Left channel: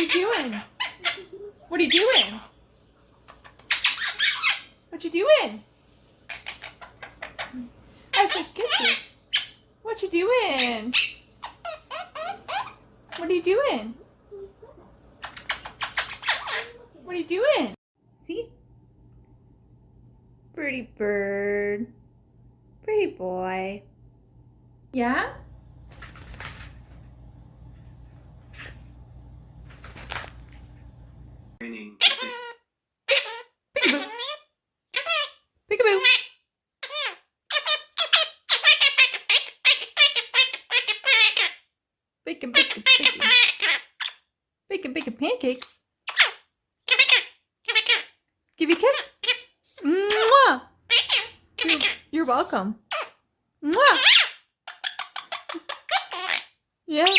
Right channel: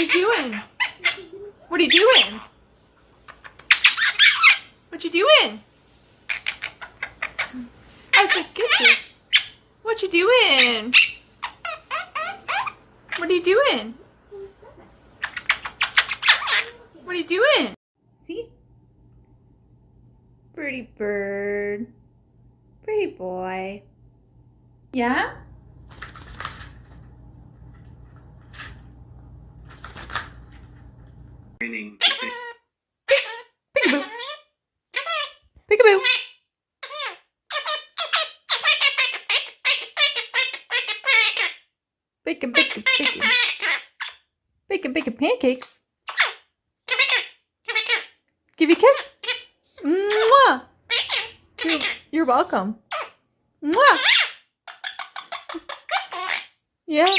are you doing? What are you doing? What you doing? I said kissy. What you doing? What are you doing? What are you doing? See? Pretty bird. Pretty boy. Yeah? Training. Peekaboo. Peekaboo. Bacon, bacon, bacon. Bacon, bacon pancakes. Give you a kiss? Mwah! You're welcome. Mwah! Yeah?